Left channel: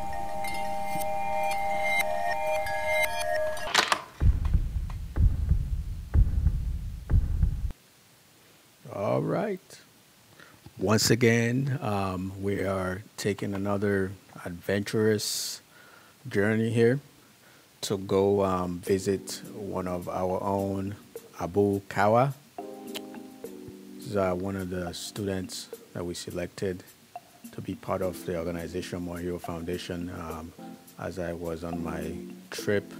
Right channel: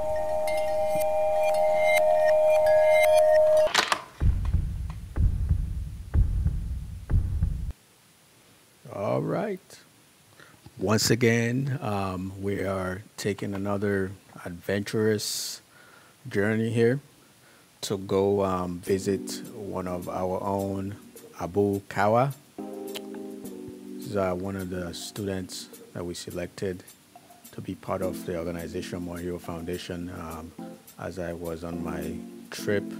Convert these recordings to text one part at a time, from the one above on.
All right. Once again, we are taking another adventurous journey here to go visit one of our own, Abu Kawa. This is one of the students that we selected to be part of the organization More Hero Foundation as I was on my trip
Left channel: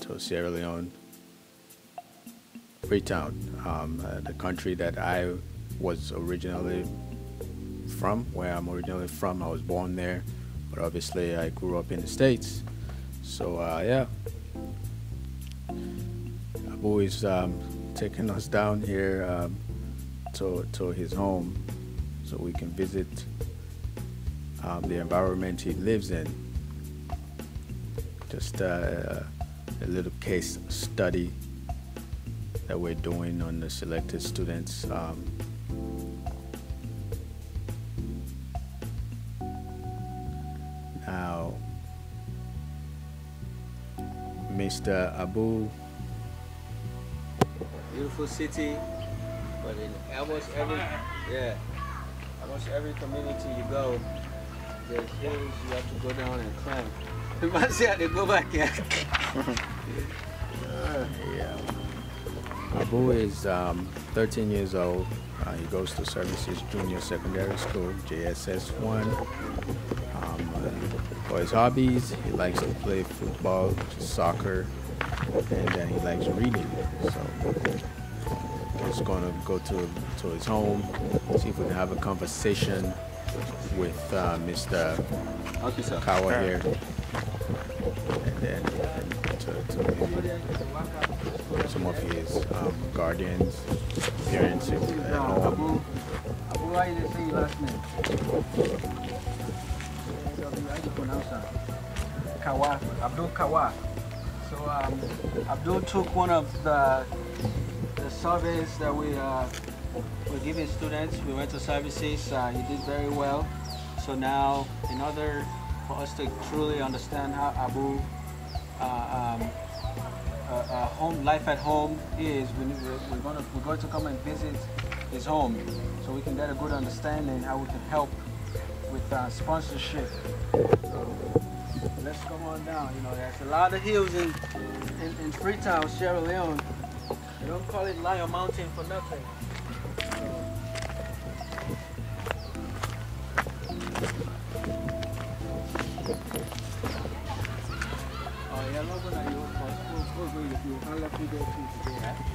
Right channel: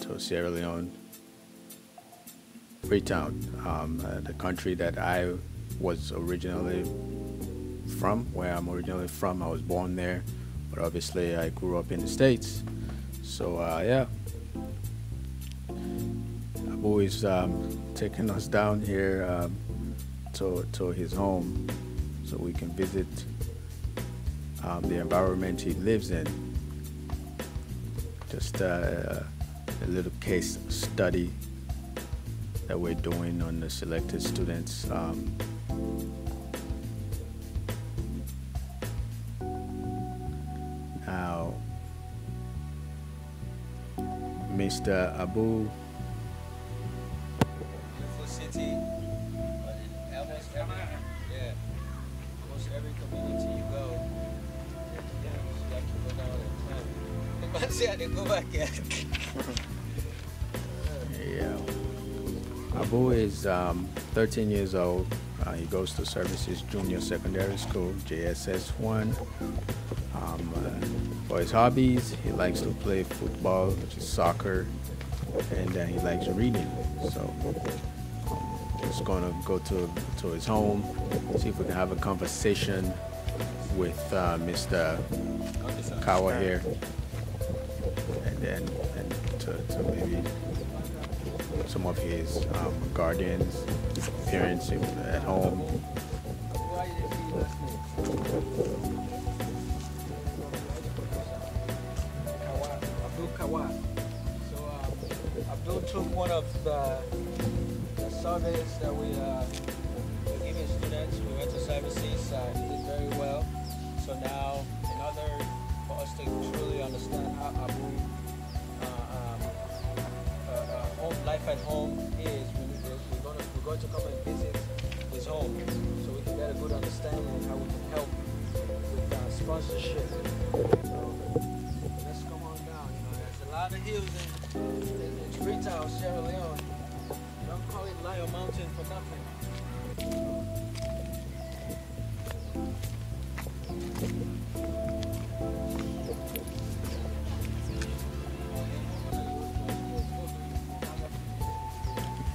to Sierra Leone, Freetown, the country that I was originally from, where I'm originally from. I was born there, but obviously I grew up in the States. So, yeah, Abu is taking us down here to his home so we can visit the environment he lives in. Just a little case study that we're doing on the selected students. Now, Mr. Abu. Beautiful city, but in almost every community you go, there's hills you have to go down and climb. Imagine how they go back here. Yeah. Abu is 13 years old. He goes to Services Junior Secondary School, JSS 1. For his hobbies, he likes to play football, which is soccer, and he likes reading. So just going to go to his home, see if we can have a conversation with Mr. Kawa here, and then to maybe some of his guardians, parents at home. Why did they say your last name? Kawa, Abdul Kawa. So Abdul took one of the surveys that we were giving students. We went to services. He did very well. So now, in order for us to truly understand how Abu home life at home is, we're going to come and visit his home, so we can get a good understanding how we can help with sponsorship. So let's come on down. You know, there's a lot of hills in Freetown, Sierra Leone. They don't call it Lion Mountain for nothing.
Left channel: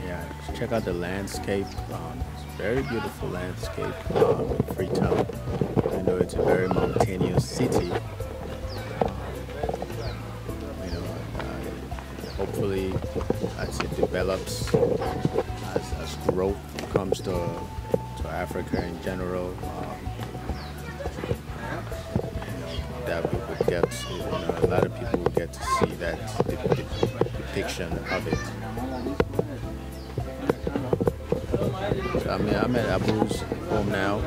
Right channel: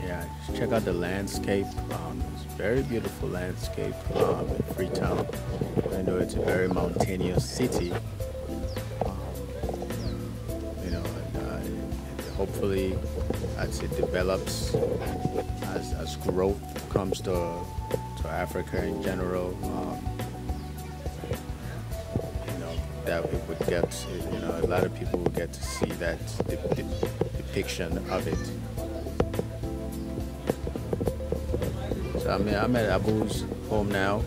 Yeah, just check out the landscape. It's a very beautiful landscape in Freetown. I know it's a very mountainous city. You know, hopefully, as it develops, as growth comes to Africa in general, you know, that we would get, you know, a lot of people would get to see that depiction of it. So I'm at Abu's home now,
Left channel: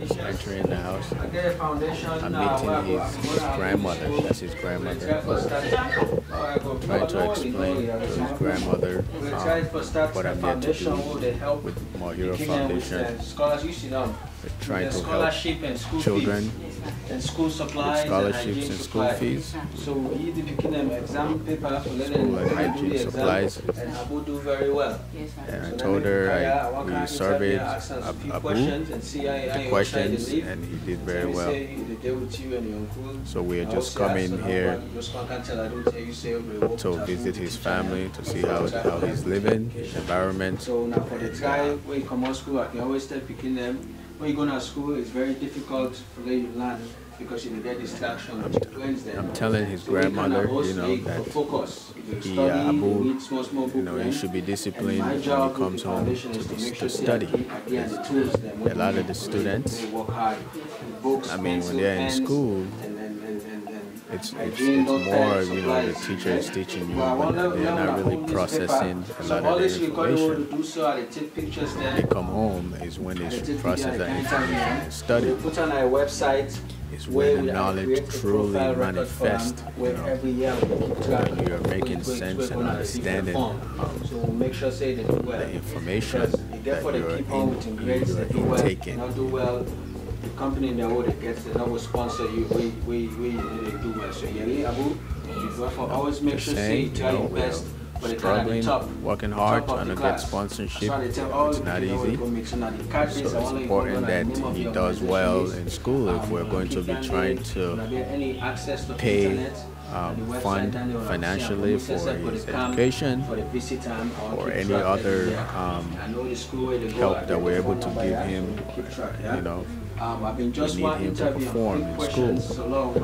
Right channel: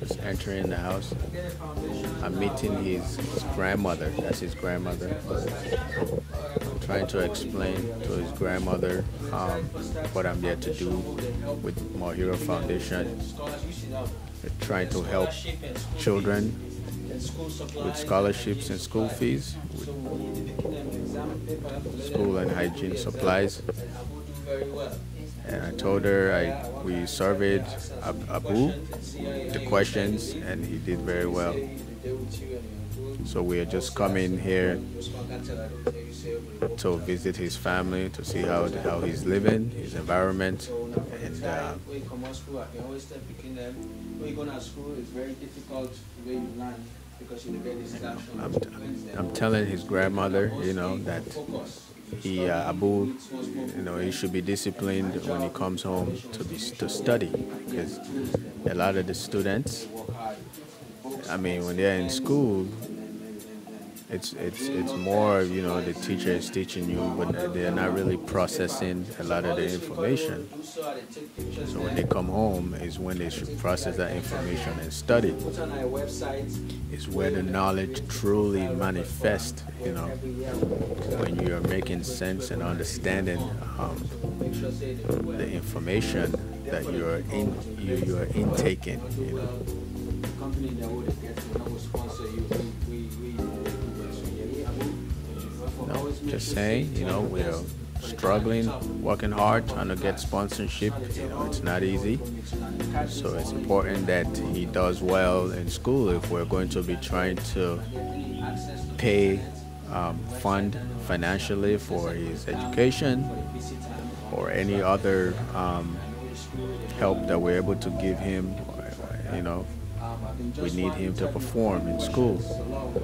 just entering the house. I'm meeting his grandmother. That's his grandmother. I'm trying to explain to his grandmother what I'm there to do with More Hero Foundation. We're trying to help children with scholarships and school fees, with school and hygiene supplies. And I told her we surveyed Abu the questions, and he did very well. So we are just coming here to visit his family, to see how he's living, his environment. And, when you come to school, I can always tell picking them, when you go to school, it's very difficult for them to learn because you get distraction. I'm telling his grandmother, you know, that Abu, you know, he should be disciplined when he comes home to study, because a lot of the students, I mean, when they're in school, it's more, you know, the teacher is teaching you, but they're not really processing a lot of the information. So when they come home is when they should process that information and study. It's where the knowledge truly manifests, you know, when you are making sense and understanding the information that you are intaking, you know. Company that would get the number sponsor you we do well. So yeah, No, just saying, you know, we're struggling, working hard, trying to get sponsorship. You know, it's not easy. So it's important that he does well in school if we're going to be trying to pay, fund financially for his education or any other help that we're able to give him, you know. We need him to perform in school.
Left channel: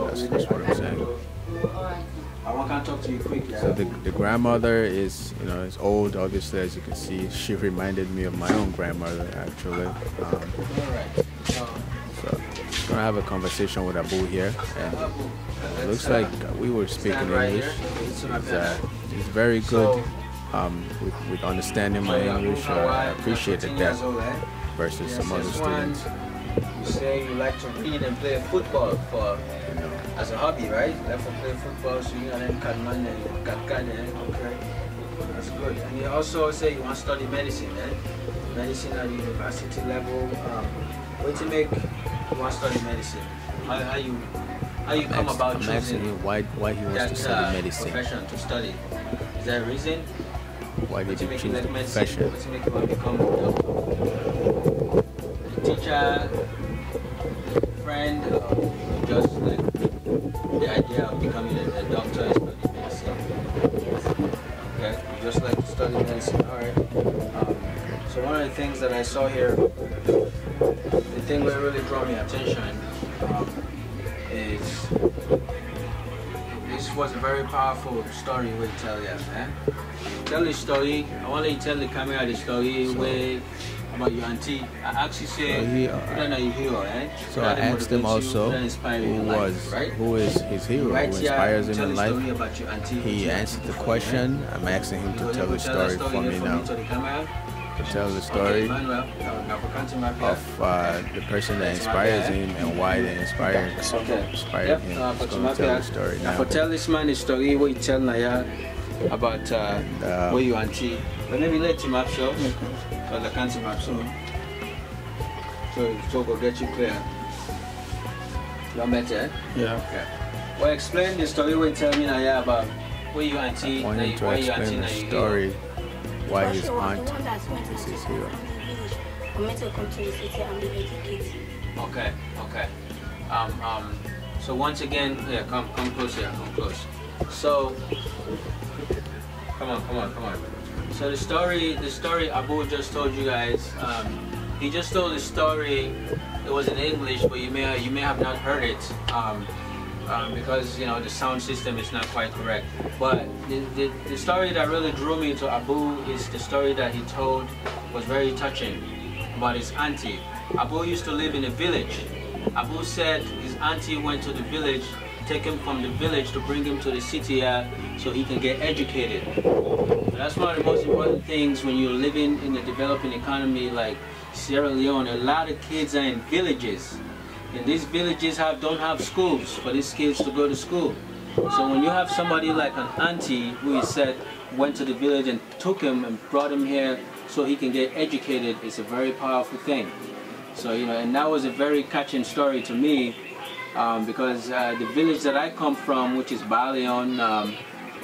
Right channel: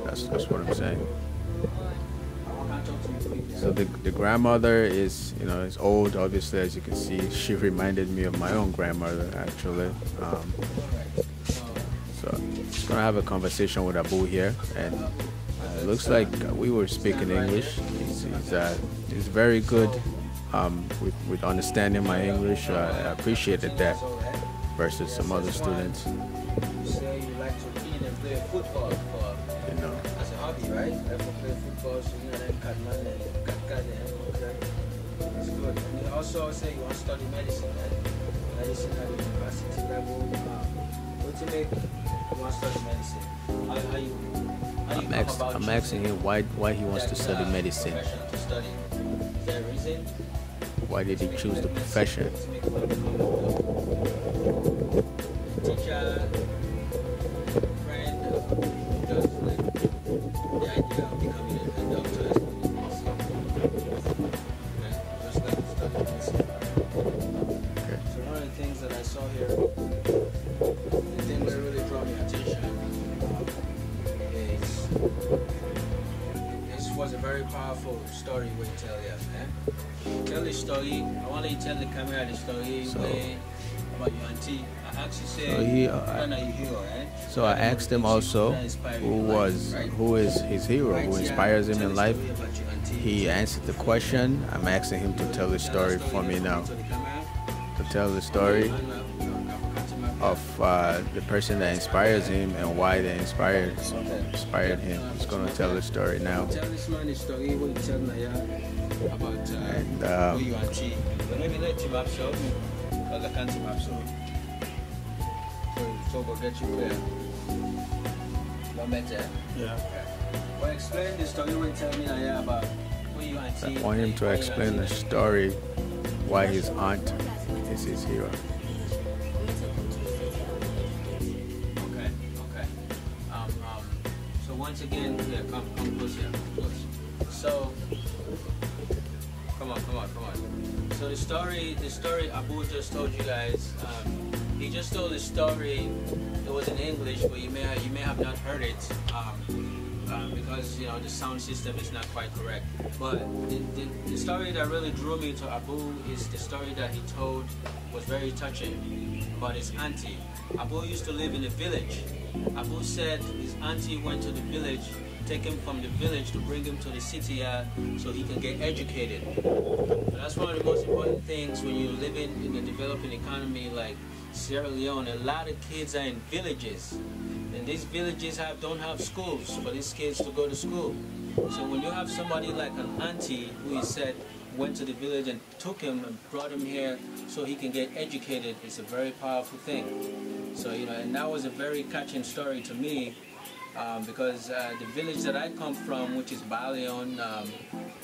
That's what I'm saying. So the grandmother is, you know, is old. Obviously, as you can see, she reminded me of my own grandmother, actually. So just gonna have a conversation with Abu here, and it looks like we were speaking English. He's very good with understanding my English. I appreciated that versus some other students. You say you like to read and play football for, You know, as a hobby, right? You like to play football, so you know, cut Mende, okay. That's good. And you also say you want to study medicine, eh? Medicine at the university level. What to make you want to study medicine? How you come about I'm asking him why he wants to study medicine. Profession to study. Is there a reason? Why did he choose the profession? What's make him become a teacher, friend, just like the idea of becoming a doctor and studying medicine? Okay, you just like to study medicine, alright. Okay. So one of the things that I saw here, the thing that really drew me attention is this was a very powerful story we tell you, eh? Tell the story. I want you to tell the camera the story way about your auntie. I actually say, so I asked him also who is his hero, who inspires him in life. He answered the question. I'm asking him to tell the story for me now. To tell the story of the person that inspires him and why they inspired him. He's going to tell the story now. Tell this man the story what you tell Naya about where you auntie. But maybe let him up so. I can't see my son. So we'll get you clear. You met it? Yeah. Okay. Well, explain the story when you tell me now about where you auntie. I want him to explain the story why his aunt is his hero. Okay. So once again, yeah, come close here, come close. So, come on. So the story Abu just told you guys, he just told the story. It was in English, but you may have not heard it because you know the sound system is not quite correct. But the story that really drew me to Abu is the story that he told was very touching about his auntie. Abu used to live in a village. Abu said his auntie went to the village, take him from the village to bring him to the city so he can get educated. So that's one of the most important things when you're living in a developing economy like Sierra Leone. A lot of kids are in villages, and these villages don't have schools for these kids to go to school. So when you have somebody like an auntie who he said went to the village and took him and brought him here so he can get educated, it's a very powerful thing. So you know, and that was a very catching story to me. Because the village that I come from, which is Balion,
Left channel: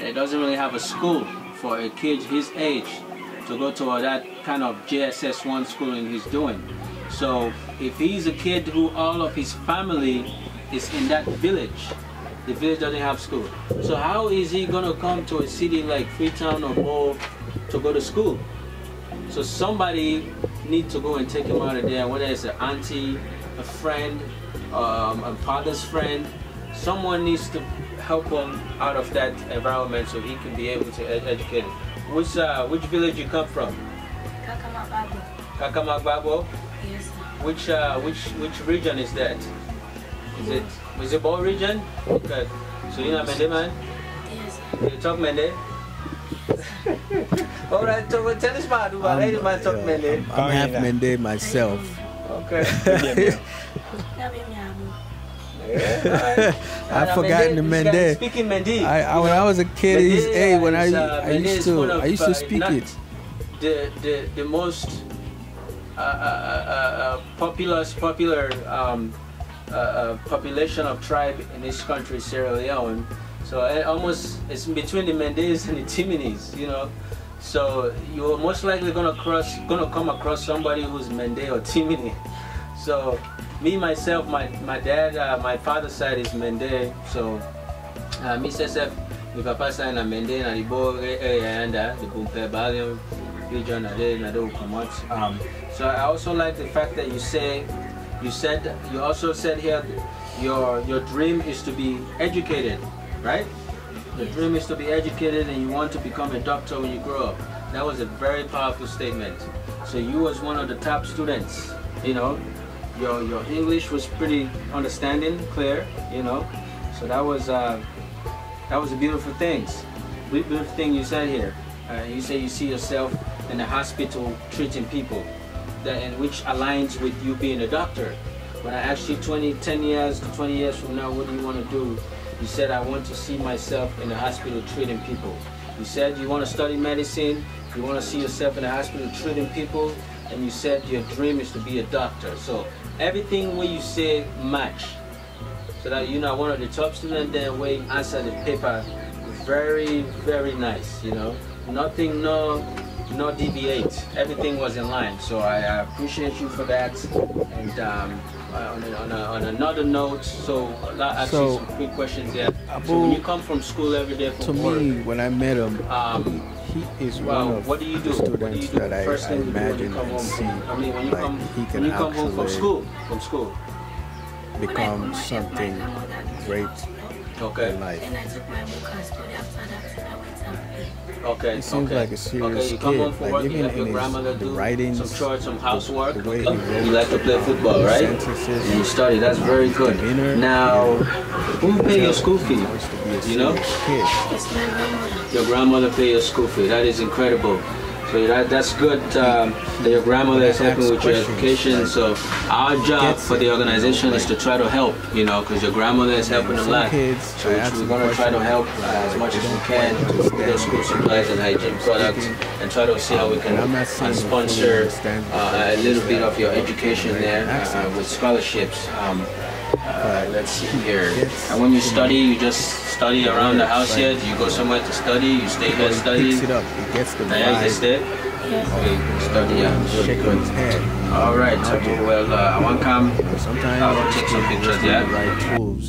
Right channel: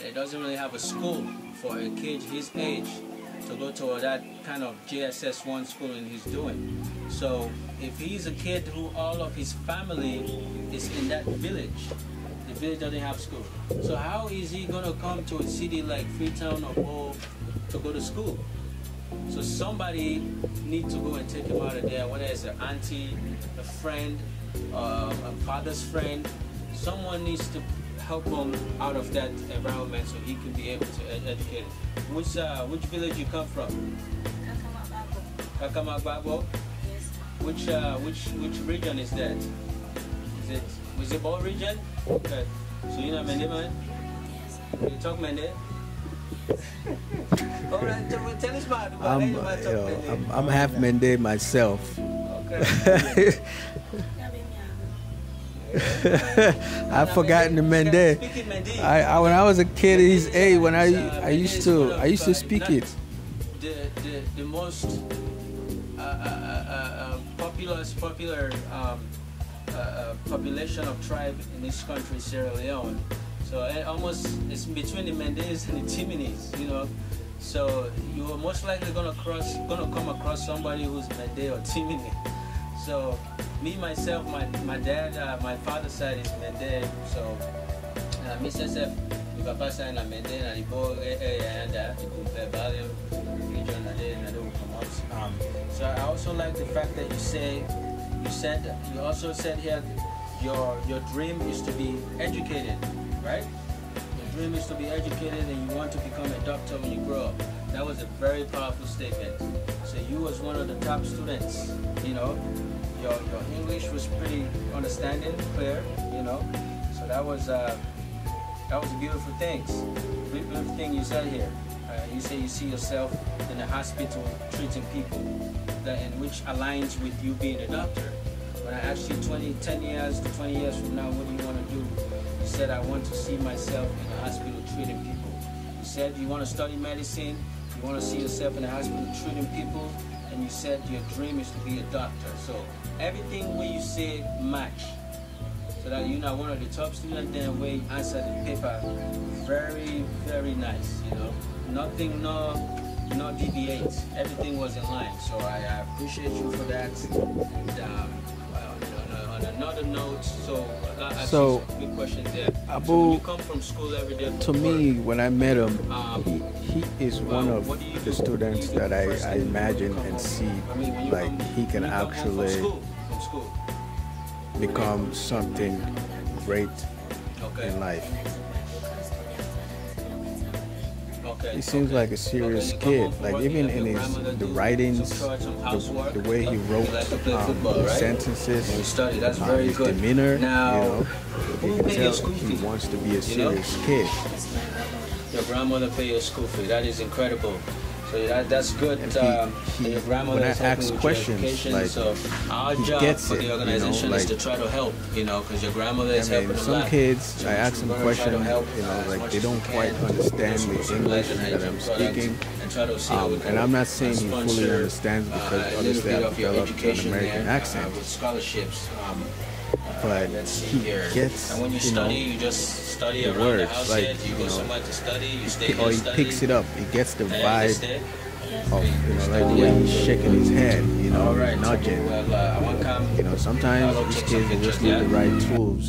it doesn't really have a school for a kid his age to go to that kind of JSS 1 schooling he's doing. So if he's a kid who all of his family is in that village, the village doesn't have school. So how is he gonna come to a city like Freetown or Bo to go to school? So somebody needs to go and take him out of there, whether it's an auntie, a friend, a father's friend. Someone needs to help him out of that environment so he can be able to educate him. Which village you come from? Kakamakbabo. Yes. Which region is that? Is it Bo region? Okay. So you're not Mende man? Yes. You talk Mende? All right, so tell us about man talk Mende. I'm half Mende myself. Okay. I've forgotten the Mende. Speaking Mende. When I was a kid, I used to Mende speak not it. The most popular population of tribe in this country, Sierra Leone. So it's between the Mendes and the Timinis, you know. So you're most likely gonna come across somebody who's Mende or Timini. So me myself, my dad, my father's side is Mende. So me myself, my papa side na Mende na libo anda the Bumpe Balium region na do come. So I also like the fact that you also said here your dream is to be educated, right? The dream is to be educated and you want to become a doctor when you grow up. That was a very powerful statement. So you was one of the top students, you know. Your English was pretty understanding, clear, you know. So that was a beautiful thing. Beautiful thing you said here. You say you see yourself in the hospital treating people, which aligns with you being a doctor. When I asked you 10 years to 20 years from now, what do you want to do? You said, I want to see myself in the hospital treating people. You said you want to study medicine, you want to see yourself in the hospital treating people, and you said your dream is to be a doctor. So everything where you say match. So that you're not one of the top students, then where you answer the paper, very, very nice, you know. Nothing, no deviate. Everything was in line. So I appreciate you for that. And on another note, so I'll ask you some quick questions here. So when you come from school every day to me, when I met him, he is well, one of the students that I imagine and see like he can actually from school become something great okay. in life. And I took my book and study after that, and I went and played. Okay. He seems like a serious kid. Like even in the writings, the way he wrote you like to play football, right? sentences, and you study. That's very his good. demeanor, Now, you know, who pays your school fee? He wants to be a You know? serious kid. It's my grandmother. Your grandmother pay your school fee. That is incredible. So that's good that your grandmother is helping with your education. Like, so our job for the organization you know, is to try to help, you know, because your grandmother is helping a some lot. kids, so I ask them questions, help, you know, like they don't quite understand the English English that I'm speaking. and try to see how we can and I'm not saying he fully sponsor understands because a little bit of your developed education American there accent. with scholarships. But Let's see he here. gets, And when you you study, know, you just study the around the words, house like, here. You go somewhere to study. You stay or there he study. picks it up. He gets the And you just vibe there. Yes. of, you know, like when he's shaking his head, you know, All right. nudging. Well, I want to come. You know, I'll sometimes take these some kids pictures just need there. the right tools.